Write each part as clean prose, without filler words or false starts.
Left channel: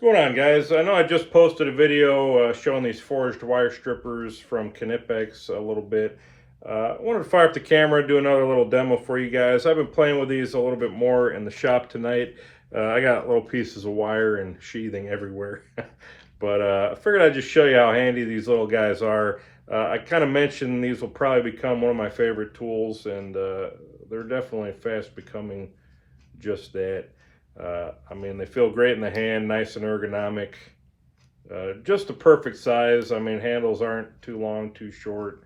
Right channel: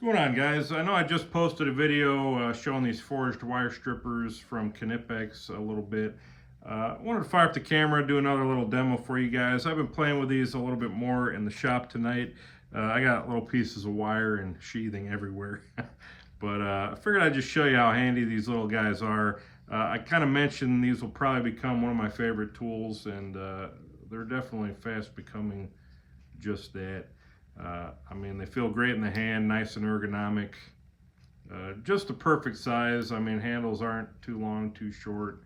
What's going on, guys? I know I just posted a video showing these forged wire strippers from Knipex a little bit. I wanted to fire up the camera, do another little demo for you guys. I've been playing with these a little bit more in the shop tonight. I got little pieces of wire and sheathing everywhere. But I figured I'd just show you how handy these little guys are. I kind of mentioned these will probably become one of my favorite tools, and they're definitely fast becoming just that. I mean, they feel great in the hand, nice and ergonomic. Just the perfect size. I mean, handles aren't too long, too short.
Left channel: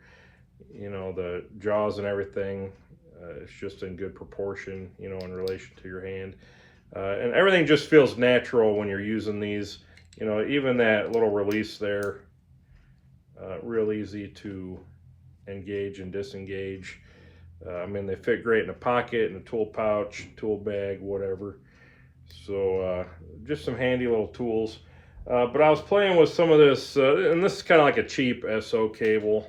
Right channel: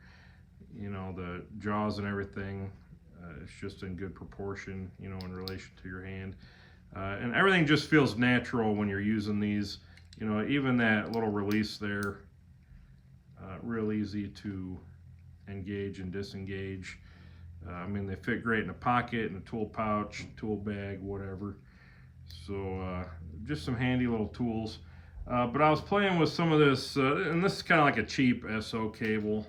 You know, the jaws and everything, it's just in good proportion, you know, in relation to your hand. And everything just feels natural when you're using these. You know, even that little release there, real easy to engage and disengage. I mean, they fit great in a pocket, in a tool pouch, tool bag, whatever. So just some handy little tools. But I was playing with some of this, and this is kind of like a cheap SO cable.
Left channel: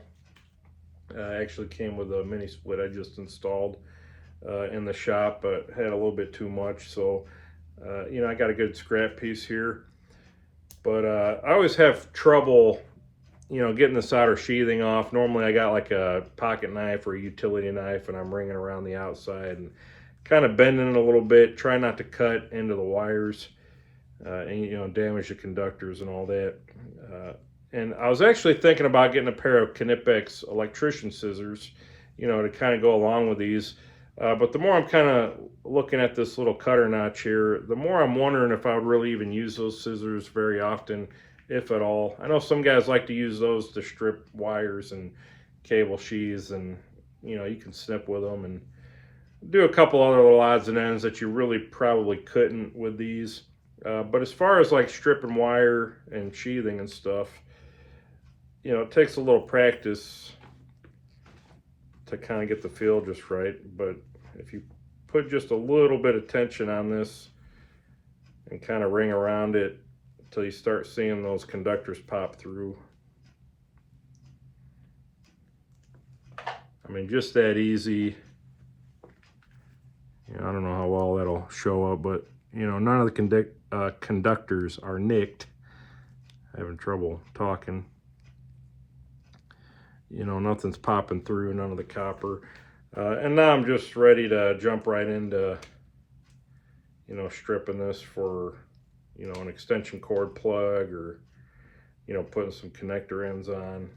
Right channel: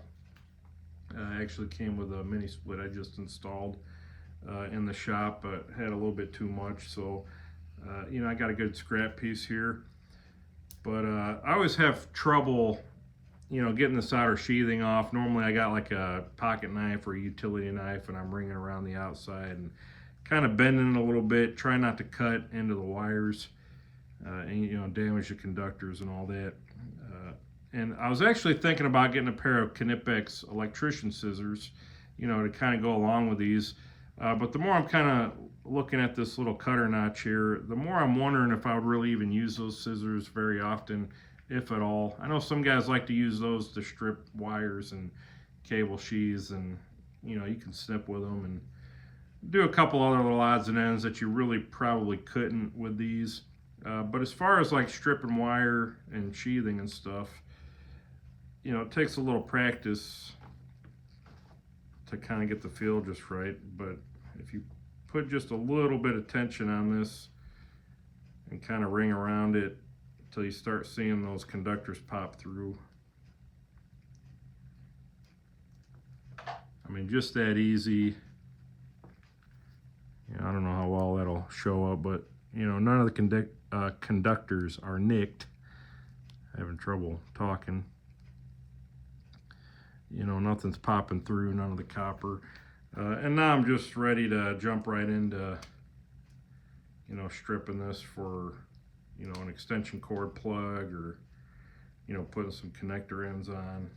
Actually came with a mini split I just installed in the shop, but had a little bit too much. So, you know, I got a good scrap piece here. But I always have trouble, you know, getting the solder sheathing off. Normally I got like a pocket knife or a utility knife, and I'm ringing around the outside and kind of bending it a little bit, try not to cut into the wires and, you know, damage the conductors and all that. And I was actually thinking about getting a pair of Knipex electrician scissors, you know, to kind of go along with these. But the more I'm kind of looking at this little cutter notch here, the more I'm wondering if I would really even use those scissors very often, if at all. I know some guys like to use those to strip wires and cable sheaths, and, you know, you can snip with them and do a couple other little odds and ends that you really probably couldn't with these. But as far as like stripping wire and sheathing and stuff, you know, it takes a little practice to kind of get the feel just right. But if you put just a little bit of tension on this and kind of ring around it until you start seeing those conductors pop through, I mean, just that easy. You know, I don't know how well that'll show up, but, you know, none of the conductors are nicked. Having trouble talking. You know, nothing's popping through, none of the copper. And now I'm just ready to jump right into, you know, stripping this for, you know, an extension cord plug, or, you know, putting some connector ends on.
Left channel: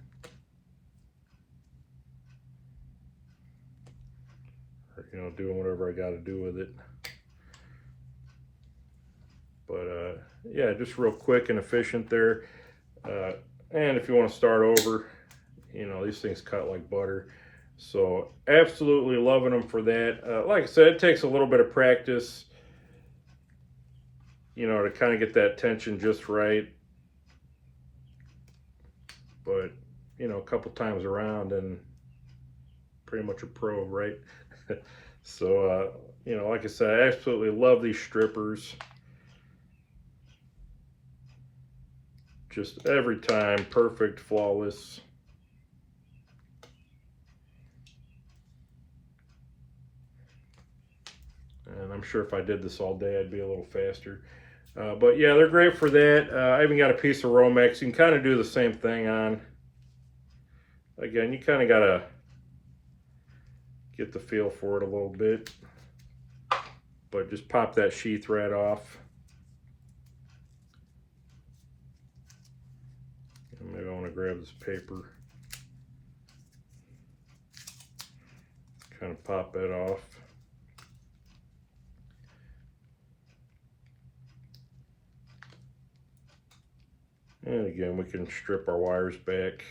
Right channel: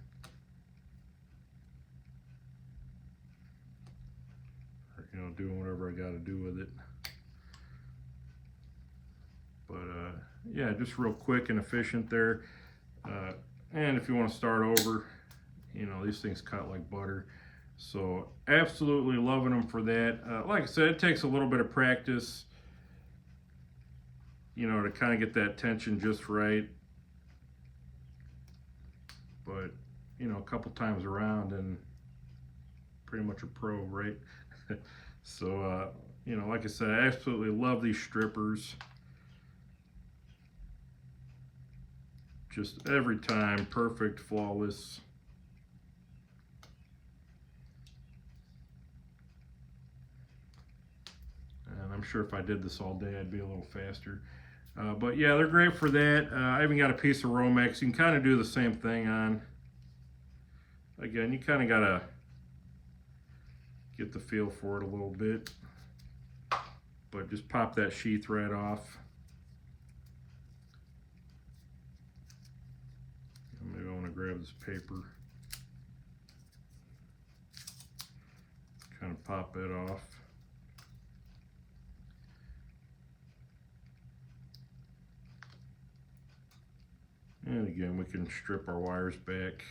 Or, you know, doing whatever I got to do with it. But yeah, just real quick and efficient there. And if you want to start over, you know, these things cut like butter. So absolutely loving them for that. Like I said, it takes a little bit of practice, you know, to kind of get that tension just right. But, you know, a couple times around and pretty much a pro, right? So, you know, like I said, I absolutely love these strippers. Just every time, perfect, flawless. And I'm sure if I did this all day, I'd be a little faster. But yeah, they're great for that. I even got a piece of Romex. You can kind of do the same thing on. Again, you kind of got to get the feel for it a little bit. But just pop that sheath right off. And maybe I want to grab this paper. Kind of pop that off. And again, we can strip our wires back.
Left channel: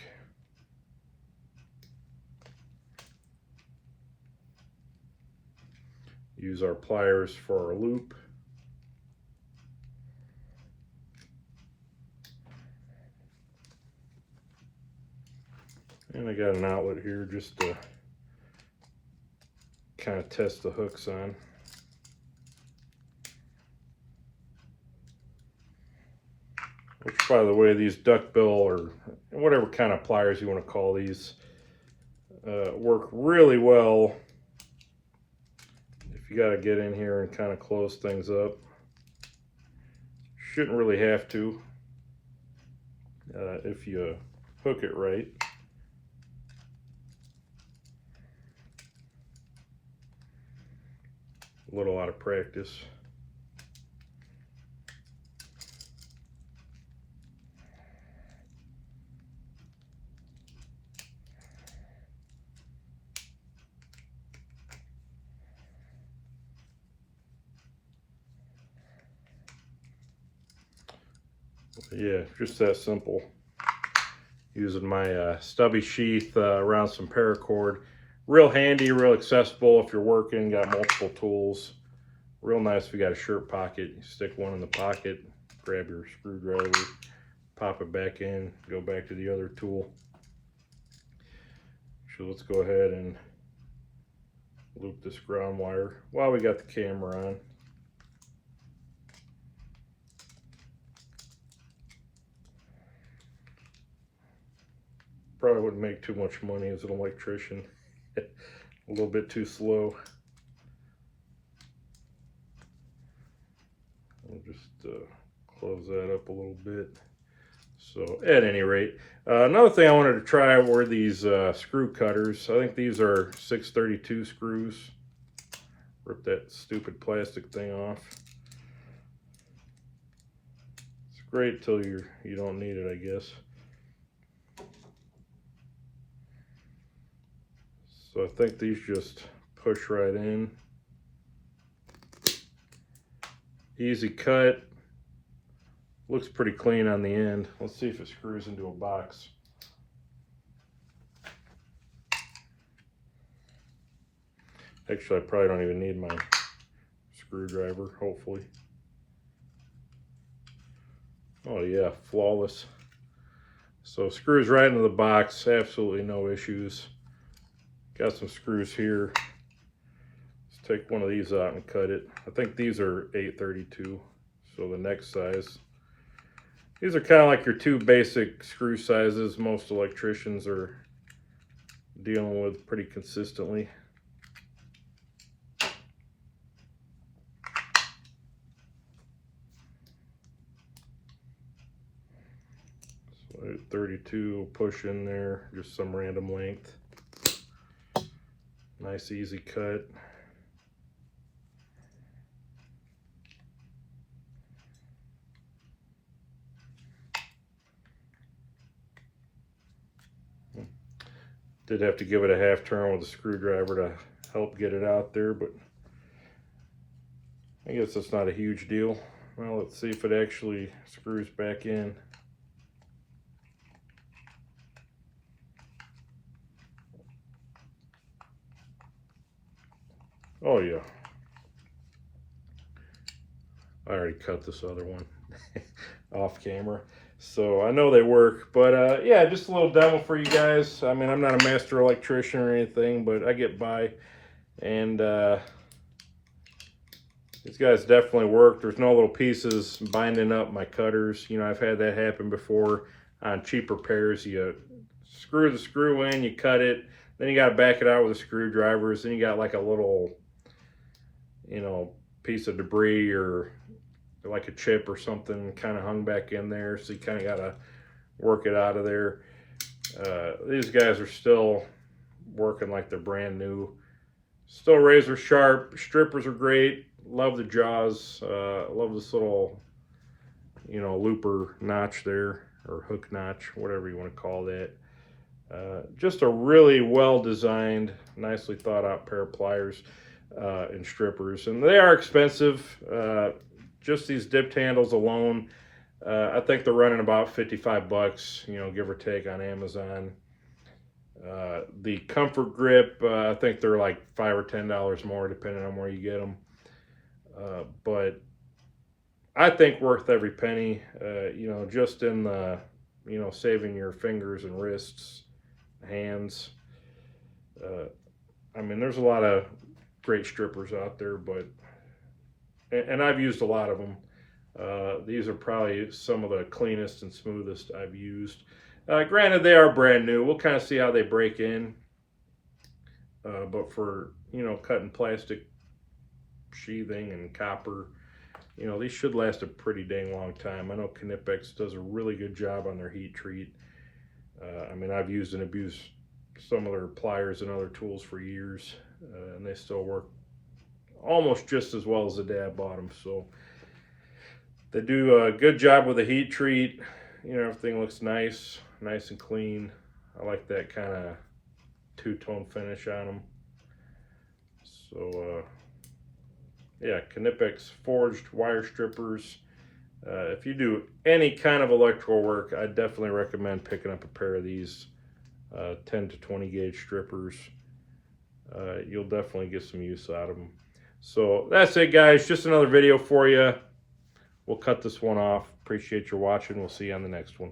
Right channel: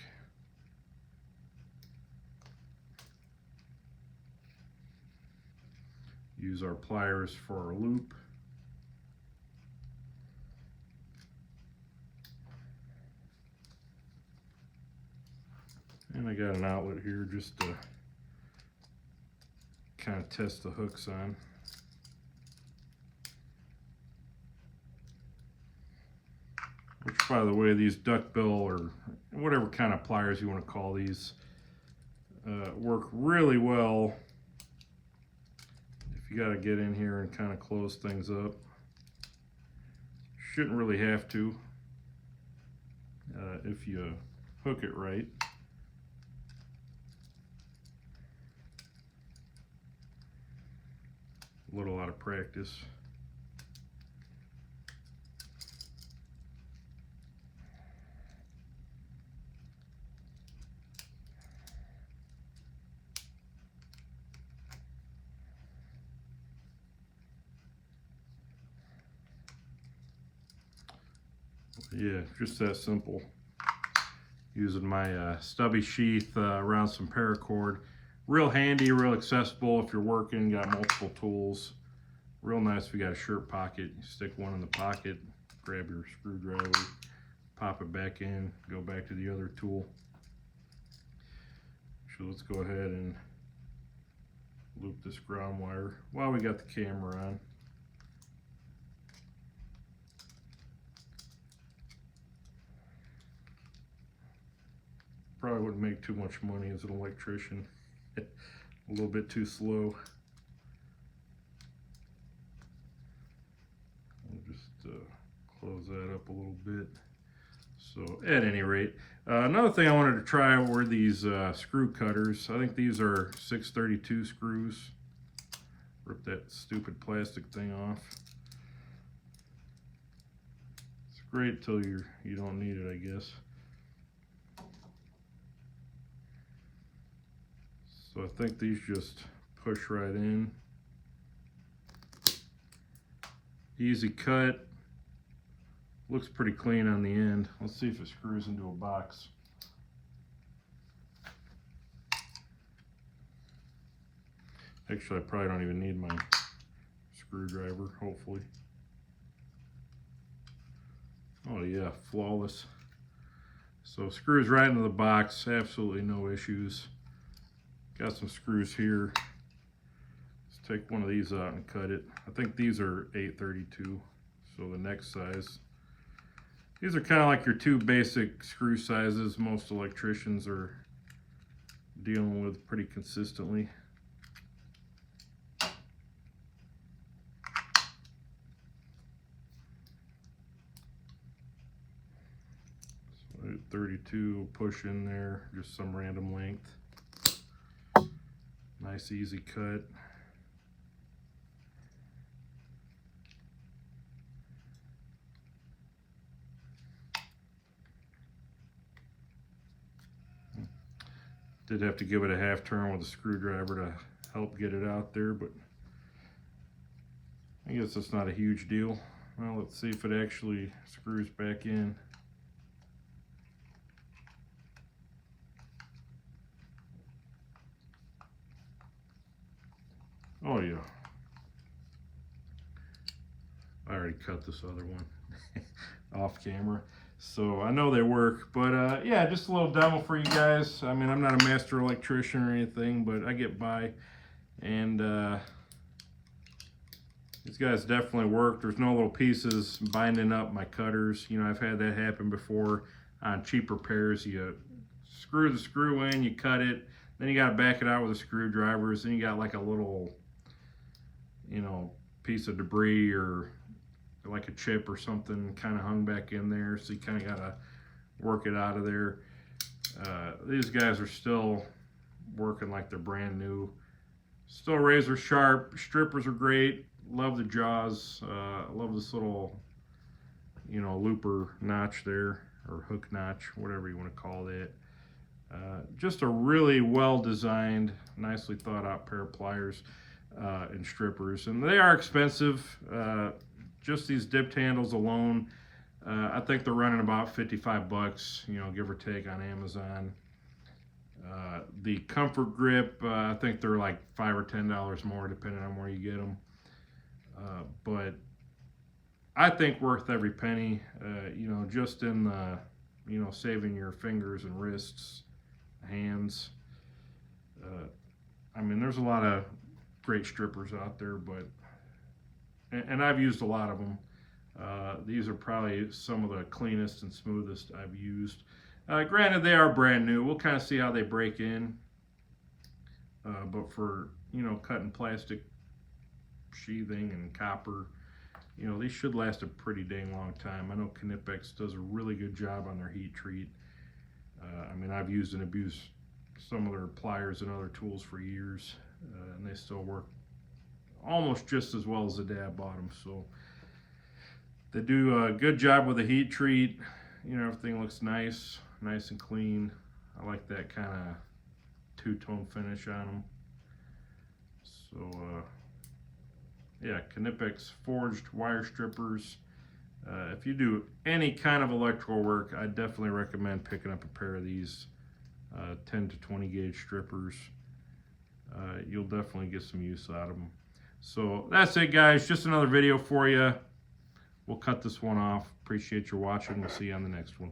Use our pliers for our loop. And I got an outlet here just to kind of test the hooks on. Which, by the way, these duckbill or whatever kind of pliers you want to call these work really well if you got to get in here and kind of close things up. Shouldn't really have to if you hook it right. A little out of practice. Yeah, just that simple. Using my stubby sheath around some paracord. Real handy, real accessible if you're working, got multiple tools. Real nice if you got a shirt pocket. You stick one in the pocket, grab your screwdriver, pop it back in, go back to the other tool. So let's go ahead and loop this ground wire while we got the camera on. Probably wouldn't make too much money as an electrician. A little bit too slow. We'll just close that up a little bit. So at any rate, another thing I wanted to try were these screw cutters. I think these are 632 screws. Rip that stupid plastic thing off. It's great till you don't need it, I guess. So I think these just push right in. Easy cut. Looks pretty clean on the end. Let's see if it screws into a box. Actually, I probably don't even need my screwdriver, hopefully. Oh yeah, flawless. So screws right into the box, absolutely no issues. Got some screws here. Let's take one of these out and cut it. I think these are 832, so the next size. These are kind of like your two basic screw sizes most electricians are dealing with pretty consistently. So 32, push in there, just some random length. Nice easy cut. Did have to give it a half turn with a screwdriver to help get it out there, but I guess that's not a huge deal. Well, let's see if it actually screws back in. Oh yeah. I already cut this other one off camera. So I know they work, but yeah, just a little demo for you guys. I mean, I'm not a master electrician or anything, but I get by. And these guys definitely work. There's no little pieces binding up my cutters. You know, I've had that happen before on cheap repairs. You screw the screw in, you cut it, then you got to back it out with the screwdrivers. Then you got like a little, you know, piece of debris or like a chip or something kind of hung back in there. So you kind of got to work it out of there. These guys are still working like they're brand new. Still razor sharp. Strippers are great. Love the jaws. Love this little, you know, looper notch there, or hook notch, whatever you want to call that. Just a really well designed, nicely thought out pair of pliers and strippers, and they are expensive. Just these dipped handles alone, I think they're running about 55 bucks, you know, give or take, on Amazon. The comfort grip, I think they're like $5 or $10 more depending on where you get them. But I think worth every penny, you know, just in the, you know, saving your fingers and wrists, hands. I mean, there's a lot of great strippers out there, but, and I've used a lot of them. These are probably some of the cleanest and smoothest I've used. Granted, they are brand new. We'll kind of see how they break in. But for, you know, cutting plastic sheathing and copper, you know, these should last a pretty dang long time. I know Knipex does a really good job on their heat treat. I mean, I've used and abused some of their pliers and other tools for years, and they still work almost just as well as the day I bought them. So they do a good job with the heat treat. You know, everything looks nice and clean. I like that kind of two-tone finish on them. So yeah, Knipex forged wire strippers. If you do any kind of electrical work, I definitely recommend picking up a pair of these 10 to 20 gauge strippers. You'll definitely get some use out of them. So that's it, guys. Just another video for you. We'll cut this one off. Appreciate your watching. We'll see you on the next one.